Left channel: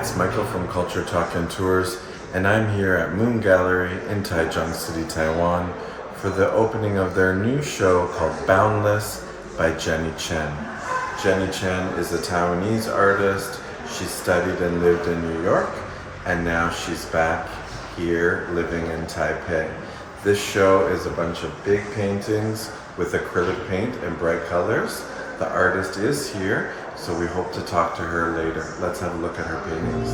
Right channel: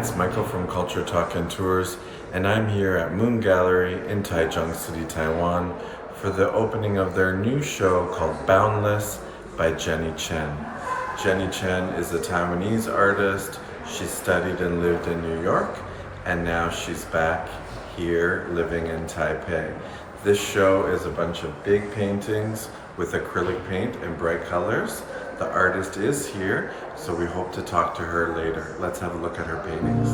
it's Michael from Culture Talk and Tours, and I'm here at Moon Gallery in Taichung City, Taiwan, for the opening of their new show called Boundless by Jenny Chen. Jenny Chen is a Taiwanese artist. She studied and lived in New York, and now she's back here living in Taipei. This show is a bunch of big paintings with acrylic paint in bright colors. The artist is here, so we hope to talk to her later. Let's have a look at her paintings.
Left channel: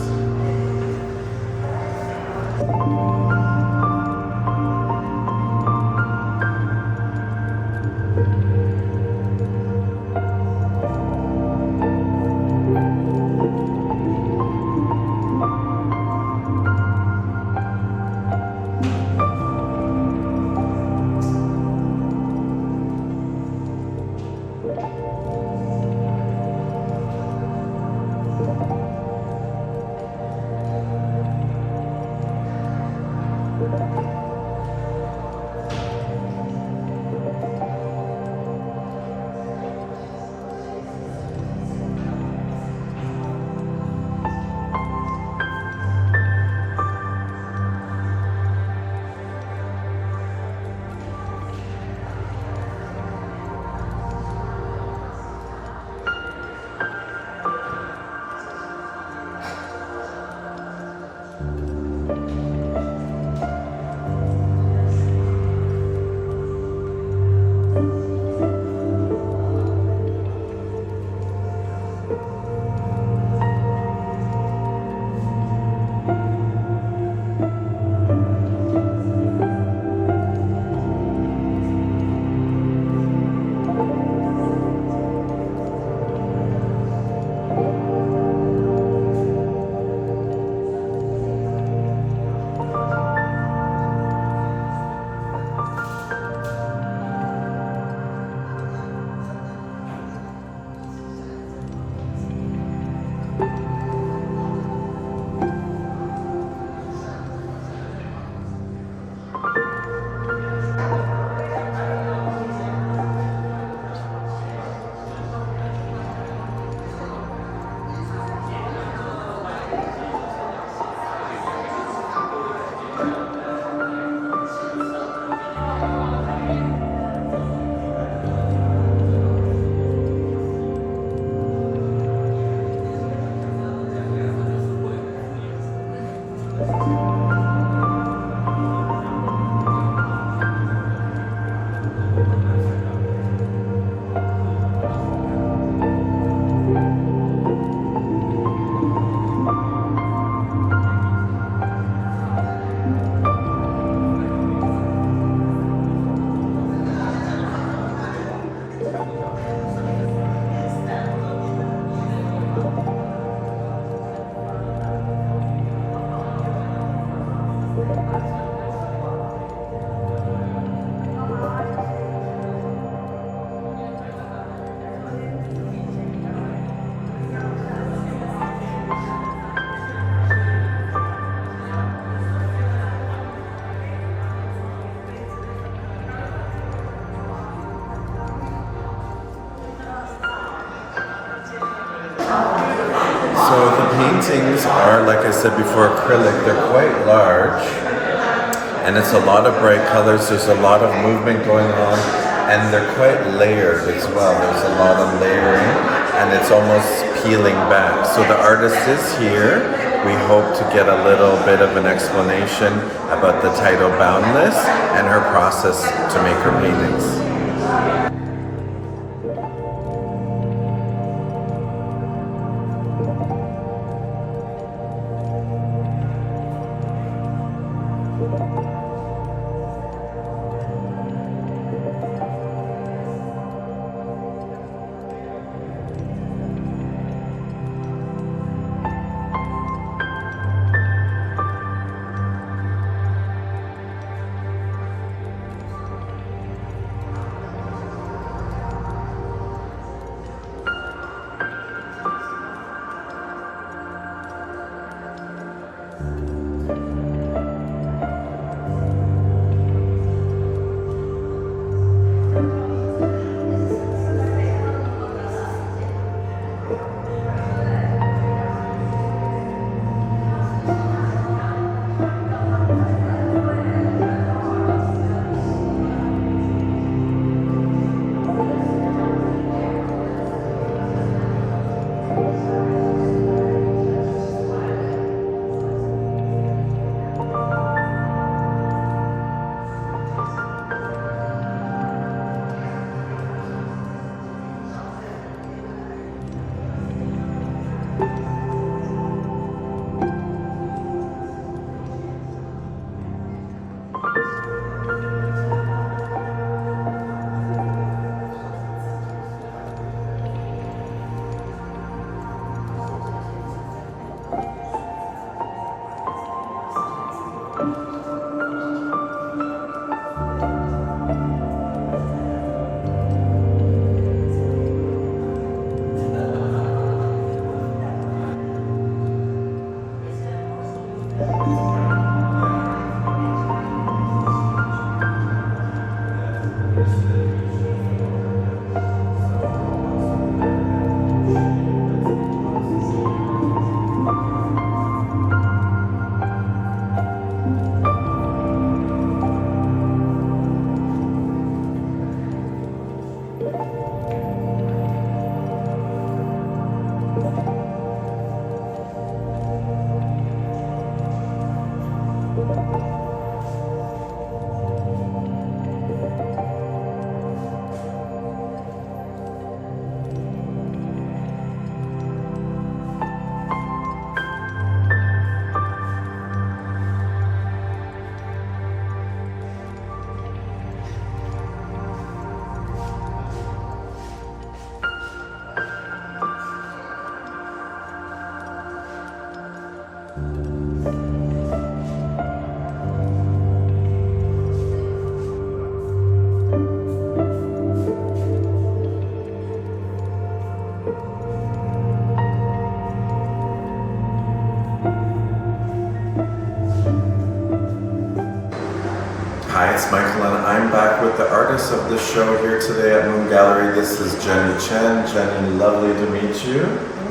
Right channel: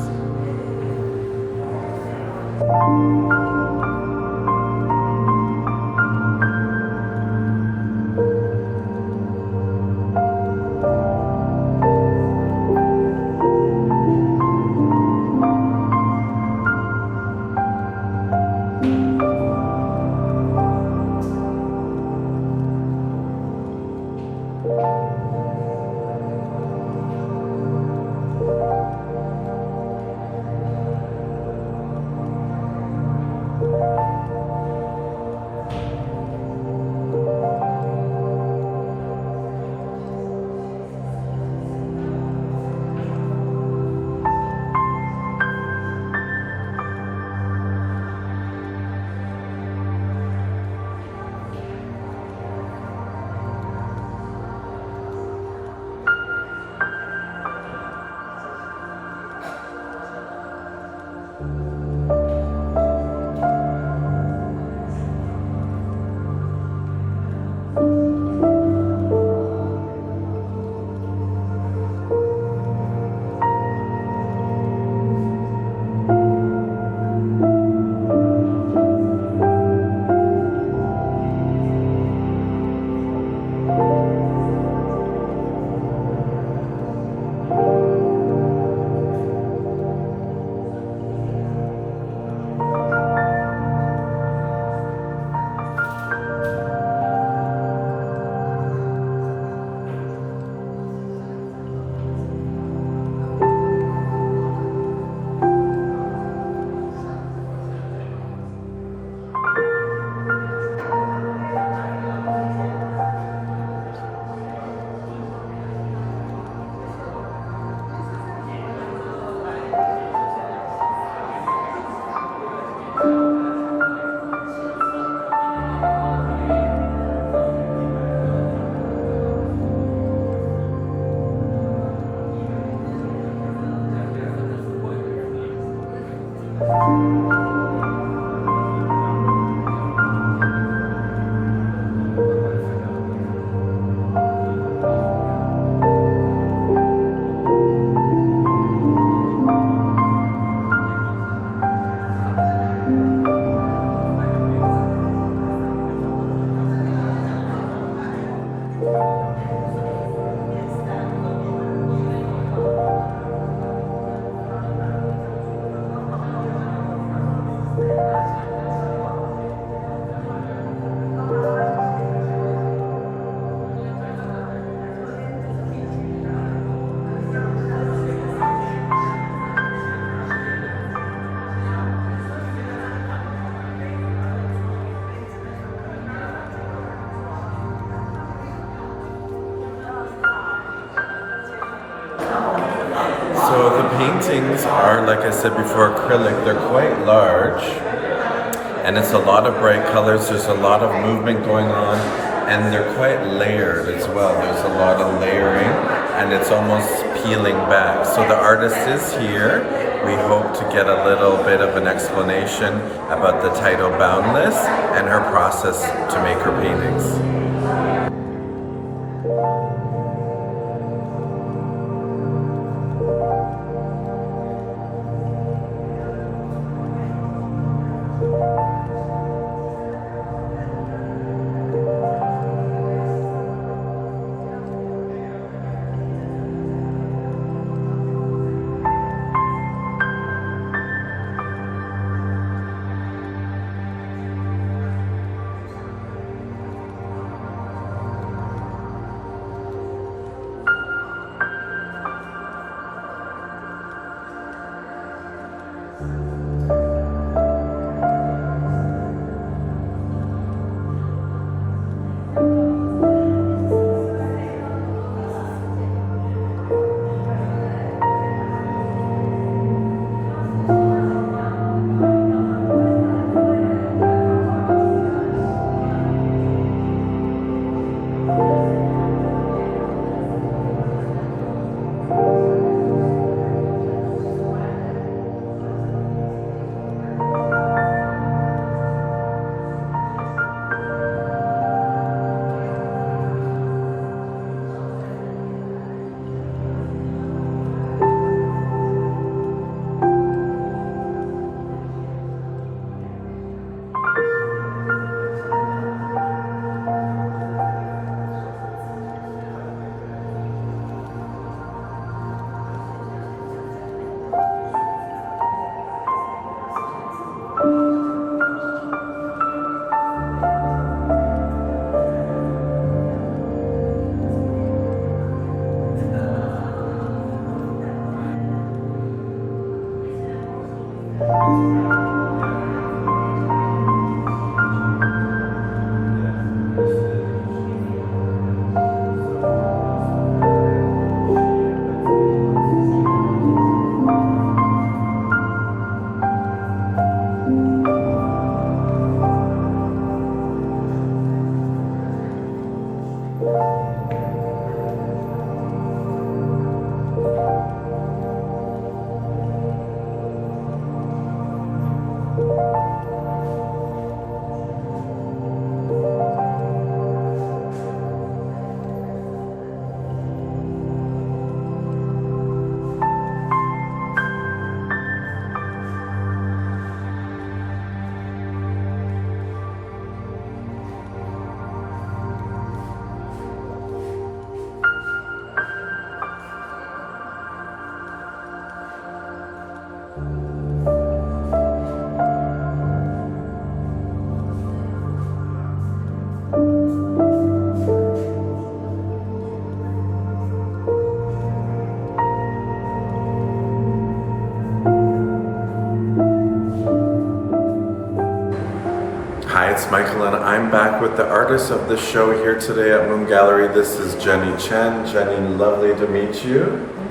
So the paintings are, like I said before, acrylic. They're quite large, and it's a lot of bright colors. There's a lot of movement going on, and they're quite layered as well. There's a lot of layering, and it's almost peeling back. So the artist is here. We hope to get a little bit of an explanation about the title Boundless and her process to make her paintings. it's Michael, and I'm back with the artist of the show here today at Moon Gallery. This is Jenny Chen. Jenny, lovely to meet you.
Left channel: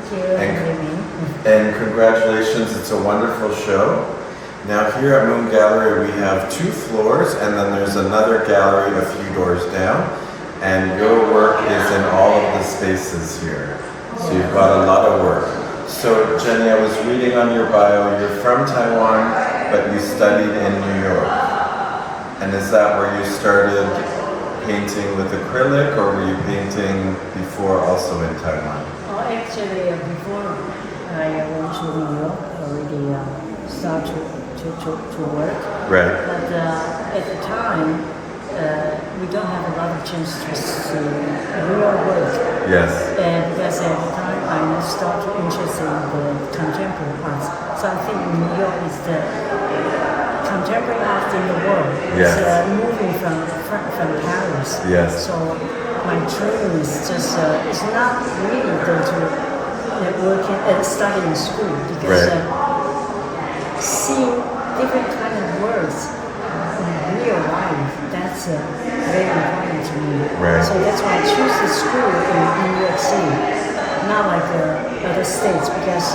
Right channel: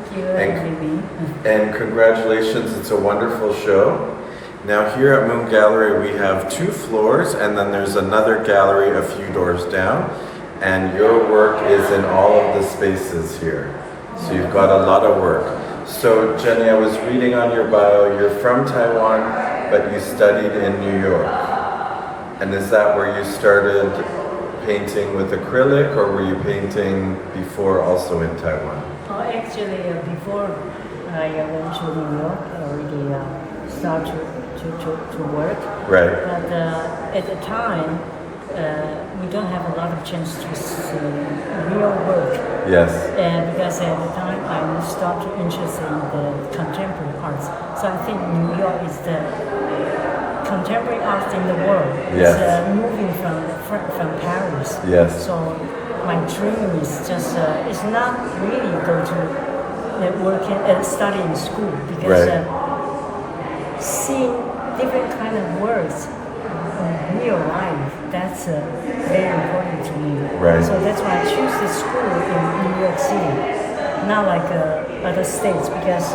Thank you. And congratulations, it's a wonderful show. Now here at Moon Gallery we have 2 floors, and then there's another gallery a few doors down, and your work is in all of the spaces here. So you've got a lot of work. So Jenny, I was reading on your bio, you're from Taiwan, but you studied in New York. And is that where you started painting with acrylic, or were you painting before also in Taiwan? Oh, actually, before I went to New York, I already started to work. Right. But at the time, we don't have a lot of chance to see real work. Yes. And because at the time, I started interested in the contemporary arts. So I think New York is the contemporary art in the world. Yes. It's moving from Paris. Yes. So my dream is just it's not really go to working and study in school, because Right. seeing different kind of words in real life, that's very important to me. Right. So that's why I choose the school in New York City, not like other states, because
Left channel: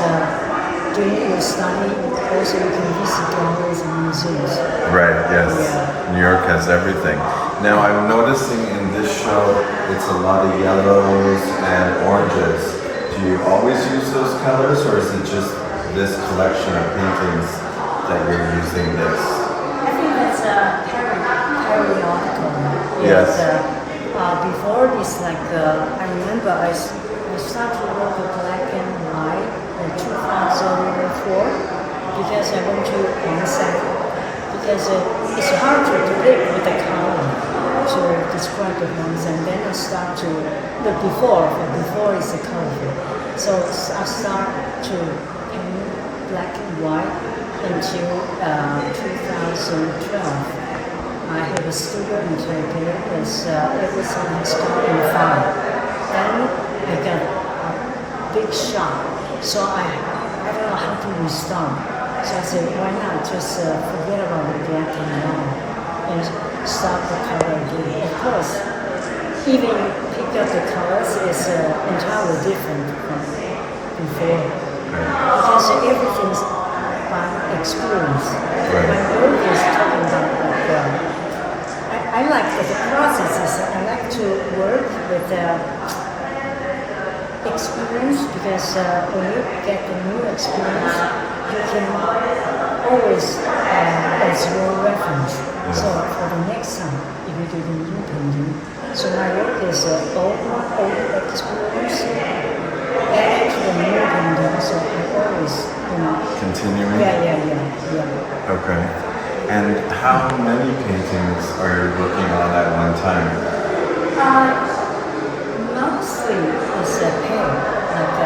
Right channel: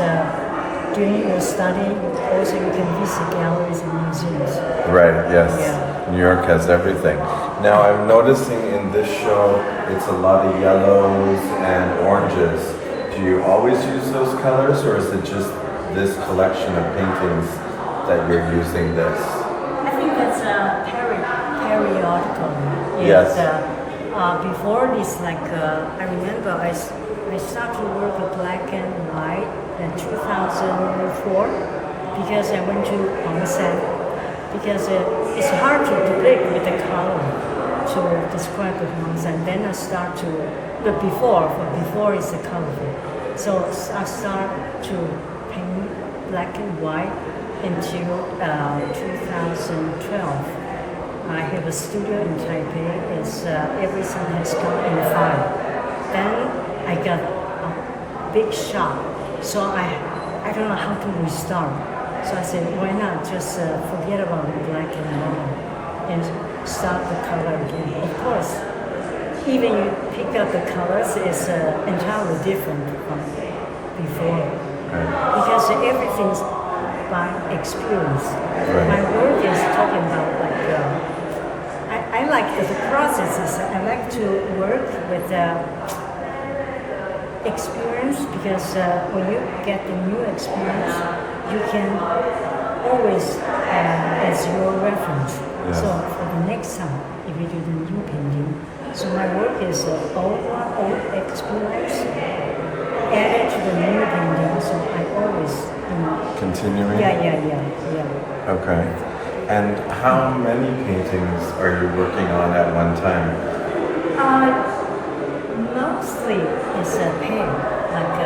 during your study, also you can visit galleries and museums. Right, yes. Yeah. New York has everything. Now I'm noticing in this show, it's a lot of yellows and oranges. Do you always use those colors, or is it just this collection of paintings that you're using this? I think that's periodical. Yes. Before this, I remember I started to work with black and white in 2004, because I went to onsen, because it's hard to depict with the color to describe the onsen. Then I start to, but before is the colorful. So I start to paint black and white until 2012. I have a studio in Taipei, because everything has come in file. Then I got a big shock, so I don't know how to restart. So I said, why not just forget about the black and white and start the color again. Of course, even you pick up the colors, is entirely different from before, because everything's by experience. Right. My work is talking about I like the process is I like to work with experience, because when you get the new experience, you can always as your reference. So for the next time, if you do the new painting, so my work is old experience added to the new painting. So I always, Continuing? Yeah. Okay. And how many paintings are you working on at one time? Mostly it's a pair, like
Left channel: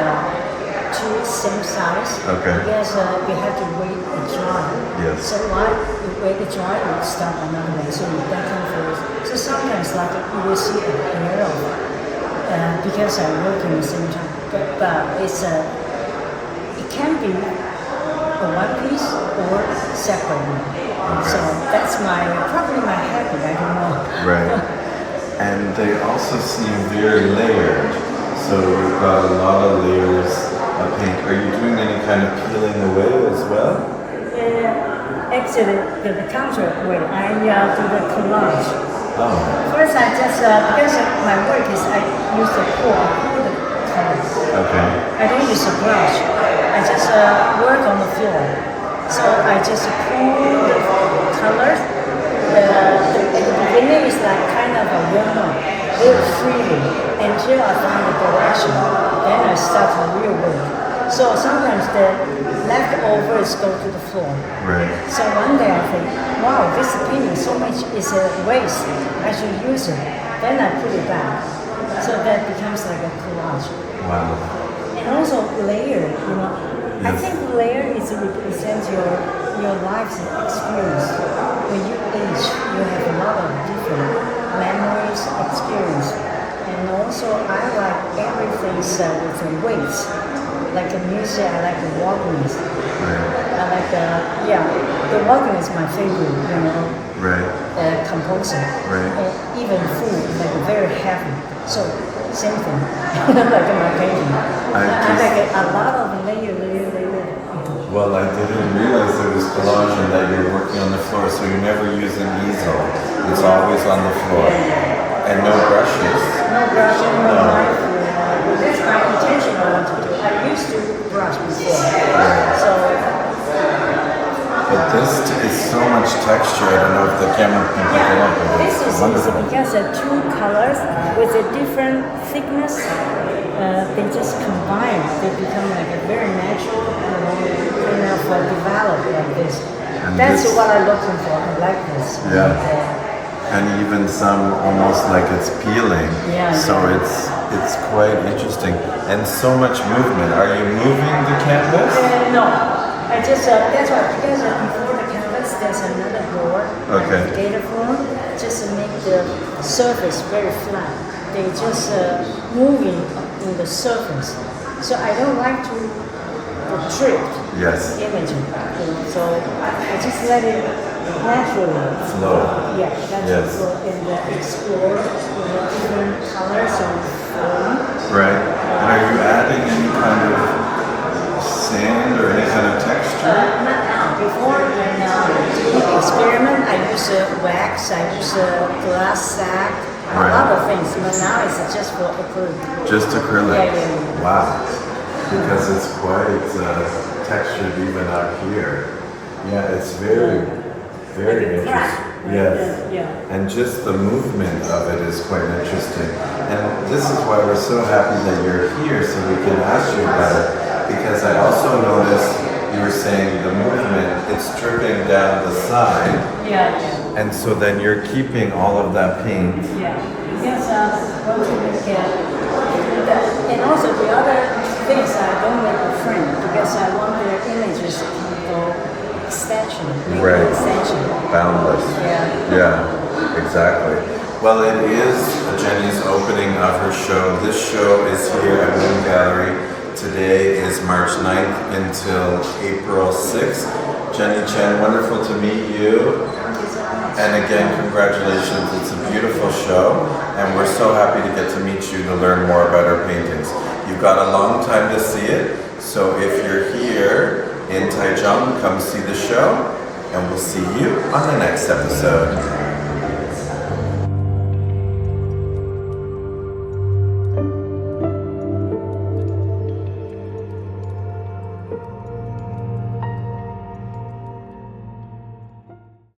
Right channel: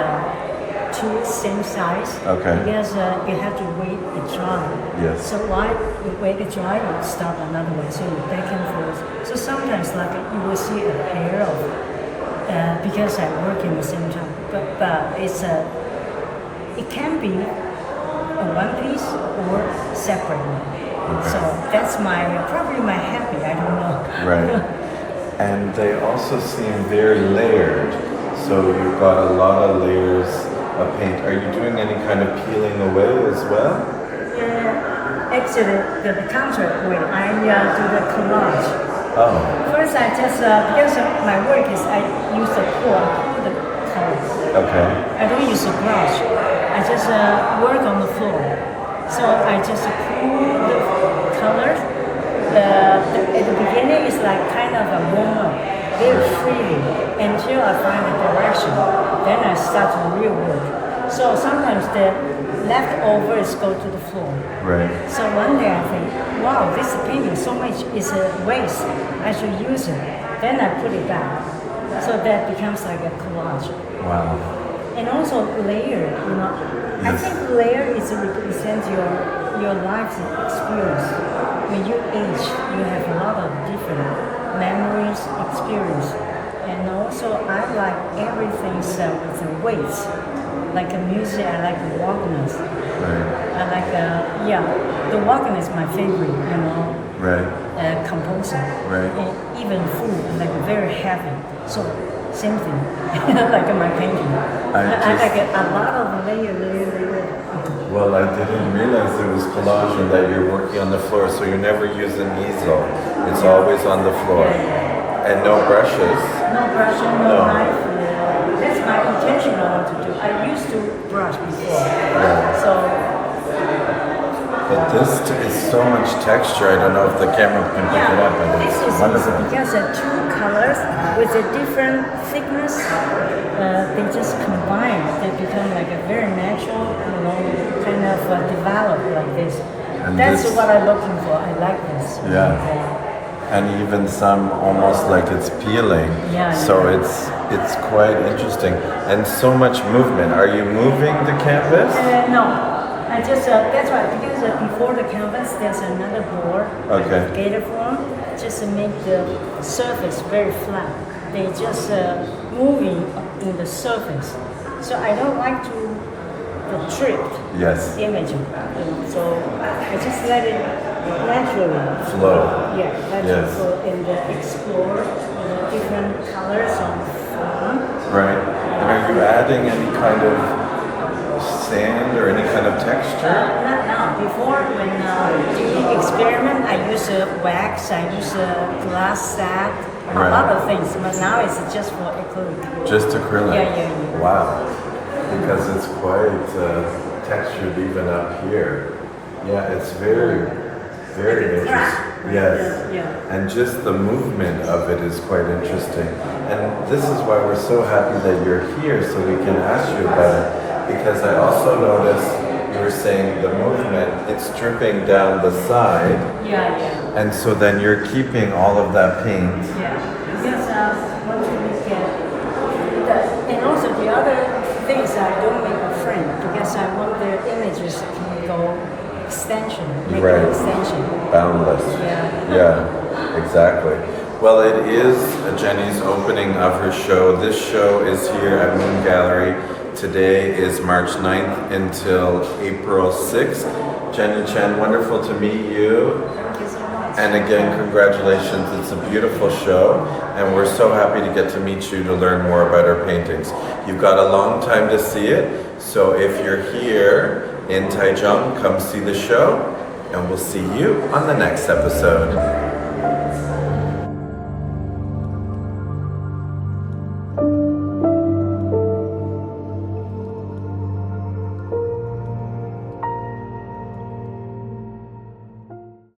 2 same size. Okay. Because you have to wait it dry. Yes. So while you wait it dry, you start another one. So you back and forth. So sometimes like you will see a pair of, because I work in the same time. But it's it can be a one piece or separately. So that's probably my habit, I don't know. Right. And they also seem very layered. So you've got a lot of layers of paint. Are you doing any kind of peeling away as well? Yeah, actually, the counter way, I do the collage. Oh. First, I just, because my work is I use the pour the colors. Okay. I don't use a brush. I just work on the floor. So I just pour the colors. At the beginning, it's like kind of a warm-up, very freely, until I find the direction. Then I start the real work. So sometimes the leftovers go to the floor. Right. So one day I think, wow, this painting so much is a waste. I should use it. Then I put it back. So that becomes like a collage. Wow. And also layer, I think layer represents your life's experience. When you age, you have a lot of different memories, experience. And also I like everything with the weights. Like a music, I like the walkness. I like, the walkness is my favorite, Right. composer. Right. And even food, like very heavy. So same thing, like my painting. I like a lot of layer. Well, I didn't realize there was collage and that you're working on the floor, so you never use an easel. It's always on the floor. And no brushes. No brushing, no knife. That's my intention I want to do. I used to brush before. So This is so much texture. I don't know if the camera can pick it up. But this it's is wonderful. because two colors with a different thickness, they just combine. They become like a very natural, kind of developed like this. And That's this- what I'm looking for. I like this. Yeah. And even some almost like it's peeling. Yeah. So it's quite interesting. And so much movement. Are you moving the canvas? No, I just that's why because before the canvas there's another board, Okay. gator form, just to make the surface very flat. They just moving in the surface. So I don't like to the tricked Yes. image, so I just let it naturally Flow. Yeah, naturally Yes. flow and explore different colors and form. Right. And are you adding any kind of sand or any kind of texture? Not now. Before, when doing experiment, I use wax, I use glass sack, Right. a lot of things. But now it's just for acrylic. Just acrylic? Yeah. Wow. Because it's quite textured even up here. Yeah, it's very interesting. Yes. Yeah. And just the movement of it is quite interesting. And this is why we're so happy that you're here so we can ask you about it. Because I also noticed you were saying the movement, it's dripping down the side. Yeah. And so then you're keeping all of that paint. Yeah. Because once you make and also the other things I don't make a frame because I want the images to go extension. Right. Extension. Boundless. Yeah. Yeah, exactly. Well, it is Jenny's opening of her show. This show is here at Moon Gallery. Today is March 9th until April 6th. Jenny Chen, wonderful to meet you. And again, congratulations. It's a beautiful show. And we're so happy to get to meet you to learn more about our paintings. You've got a long time to see it. So if you're here in Taichung, come see the show. And we'll see you on the next episode.